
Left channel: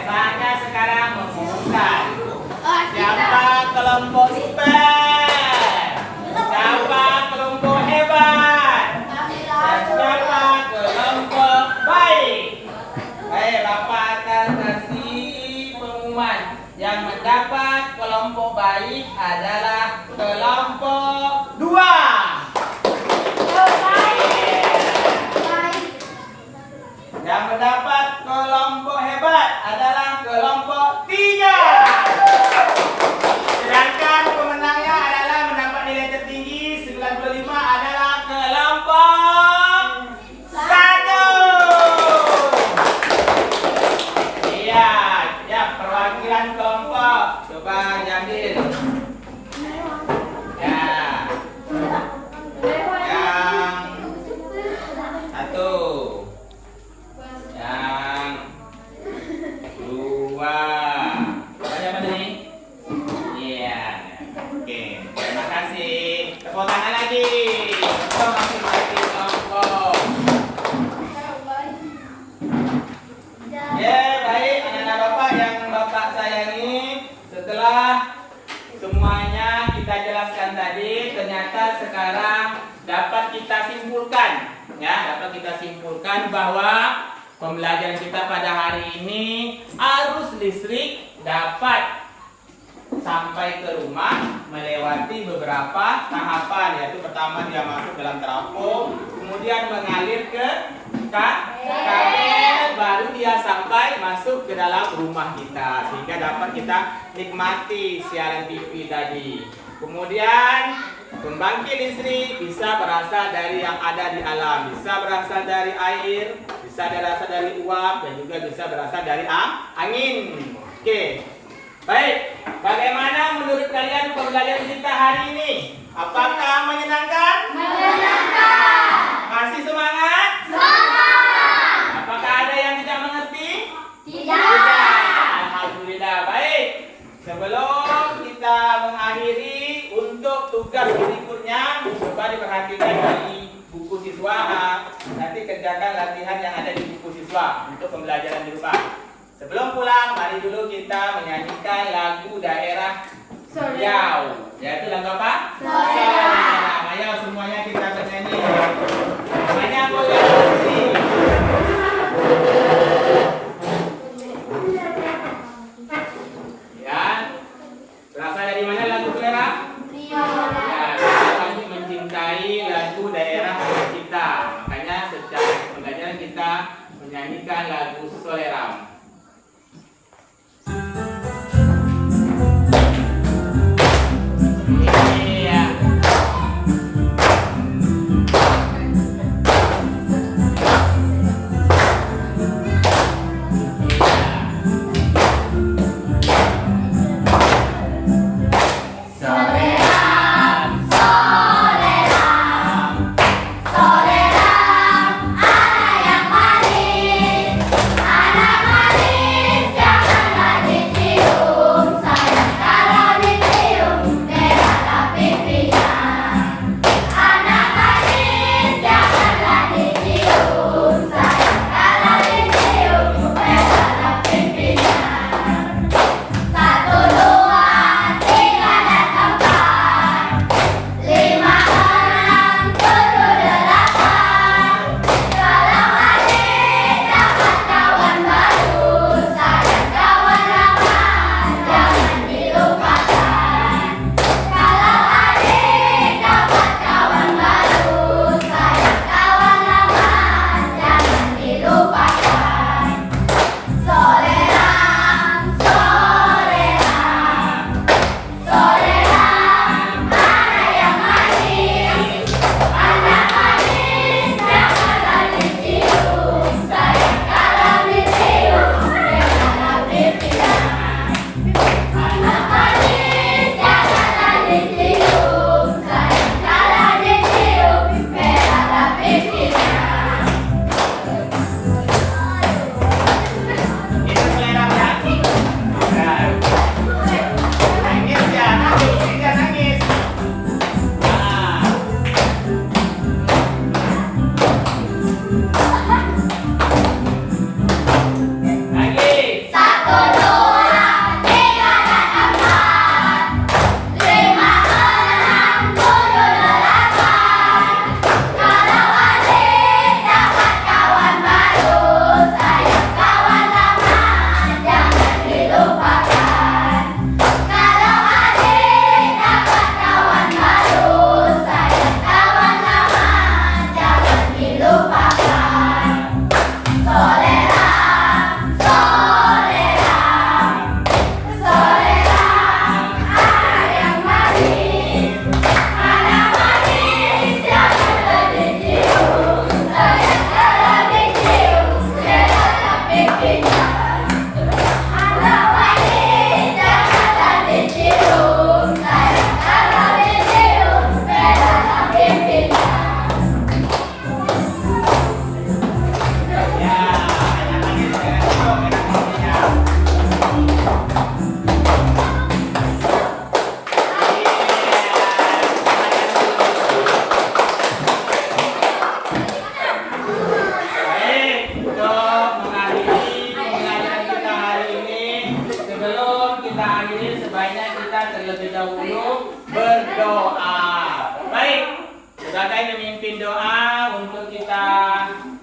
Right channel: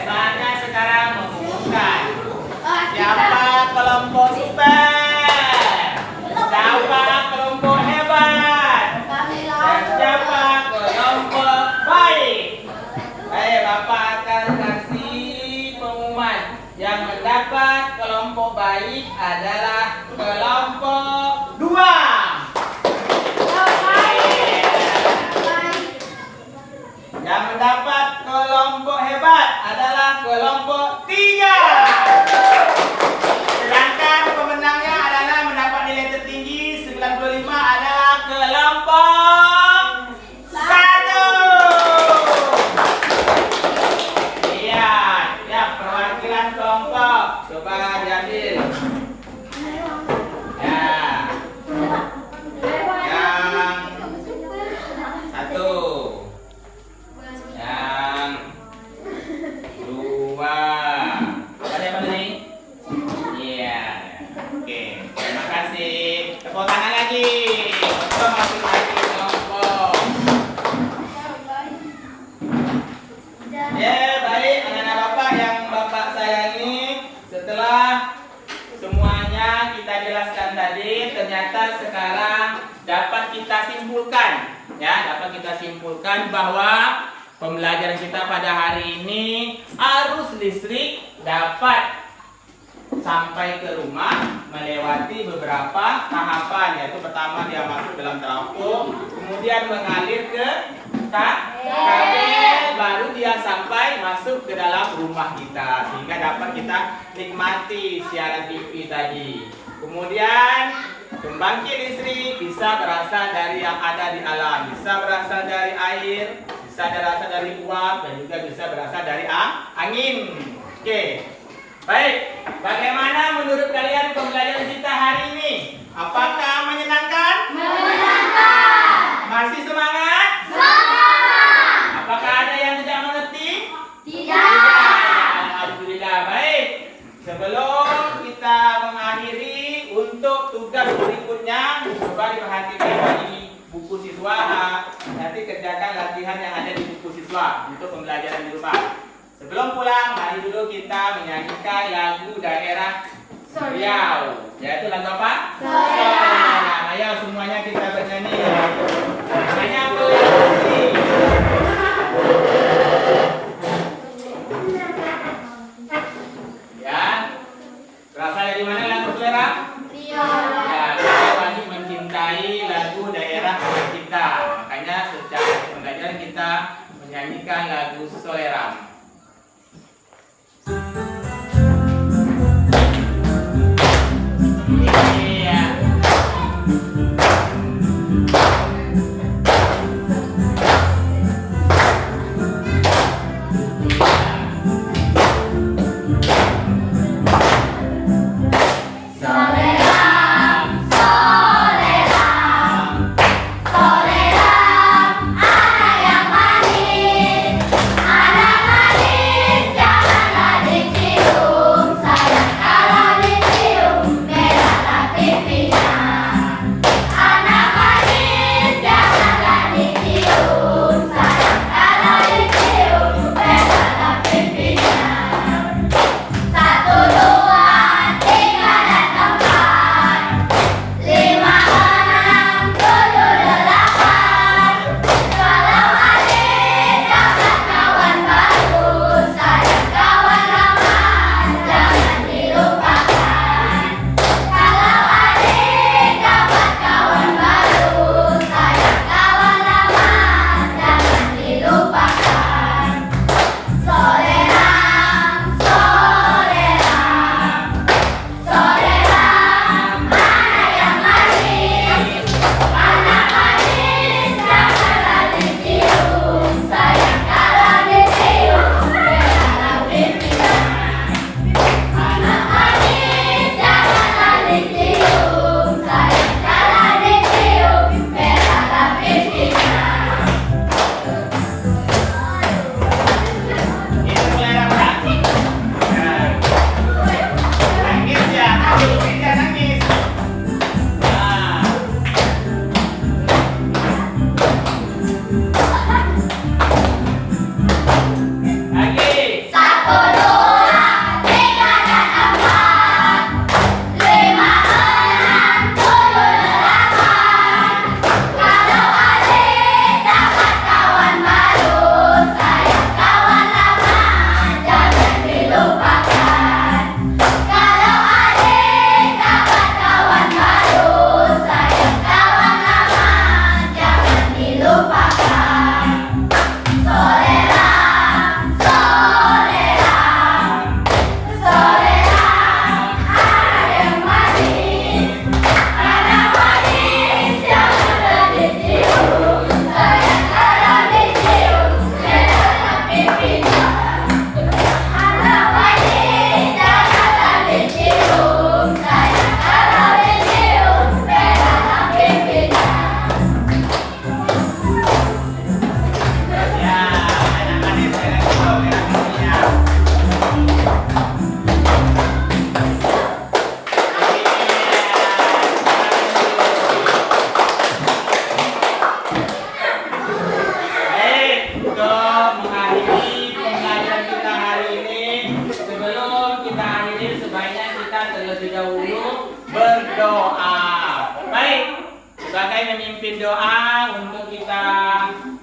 Saatnya sekarang mengumumkan siapa kelompok super, siapa kelompok hebat, dan siapa kelompok baik. Baik, Bapak akan kasih pengumuman. Yang mendapat kelompok baik adalah kelompok 2. Yang mendapat kelompok hebat adalah kelompok 3. Sedangkan pemenangnya adalah mendapat nilai tertinggi 95 adalah kelompok 1. Iya, ya perwakilan kelompok coba diambil. Ya. Yang 1. Yang 2. Ada apa nih? Iya. Oke. Terima kasih. Tepuk tangan lagi. Untuk masing-masing kelompok. Ya, baik anak-anak Bapak yang Bapak sayangi. Setelah semuanya kita jelaskan tadi, ternyata sekarang dapat kita simpulkan. Ya, dapat kita simpulkan bahwa pembelajaran kita pada hari ini arus listrik dapat sampai ke rumah melewati beberapa tahapan, yaitu pertama dia masuk dalam trafo, kemudian mengalir ke kabel, baru dia sampai masuk ke dalam rumah kita sehingga dapat kita nikmati siaran TV tadi. Kemudian pembangkit listrik bisa berasal dari yang ada di alam, bisa berasal dari air, bisa berasal dari uap, dan juga bisa berasal dari angin. Oke. Baik, bagaimana menurut kalian pembelajaran kita hari ini? Apakah menyenangkan? Menyenangkan. Masih semangat? Semangat. Apakah ada yang tidak mengerti? Tidak. Alhamdulillah. Baik. Sebelum kita mengakhiri, untuk tugas berikutnya coba diperhatikan dari buku siswa. Nanti kerjakan latihan yang ada di buku siswa untuk pembelajaran di rumah. Sebelum pulang, mari dulu kita menyanyikan lagu daerah Riau. Yaitu lagu apa? Solera. Ayo semuanya kita bernyanyi. Banyak boleh. Ya. Berasal dari mana lagu Solera? Riau. Ya, kita masih mencintai lagu daerah kita. Makanya secara pembelajaran kita menyanyikan lagu Solera. terlebih dahulu berdoa. Baik, sebagai memimpin doa untuk kita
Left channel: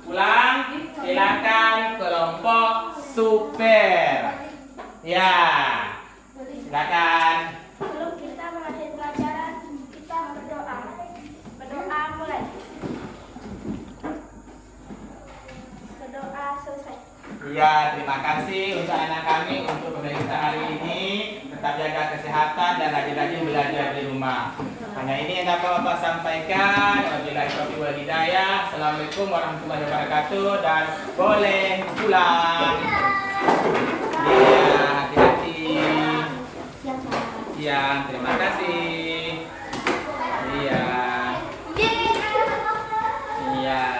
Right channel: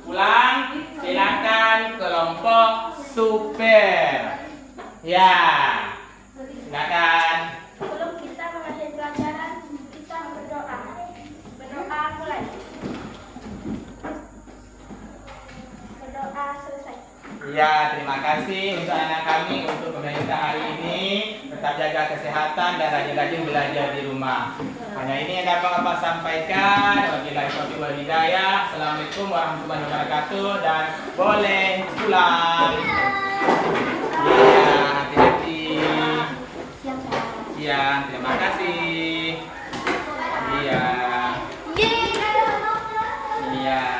pulang, silakan kelompok super. Ya. Silakan. Sebelum kita mengakhiri pelajaran, kita berdoa. Berdoa mulai. Berdoa selesai. Iya, terima kasih untuk anak kami untuk kita hari ini. Tetap jaga kesehatan dan rajin-rajin belajar di rumah. Hanya ini yang dapat Bapak sampaikan. Wabillahi taufiq wal hidayah. Assalamualaikum warahmatullahi wabarakatuh dan boleh pulang. Iya, hati-hati. Siang, terima kasih. Iya. Iya.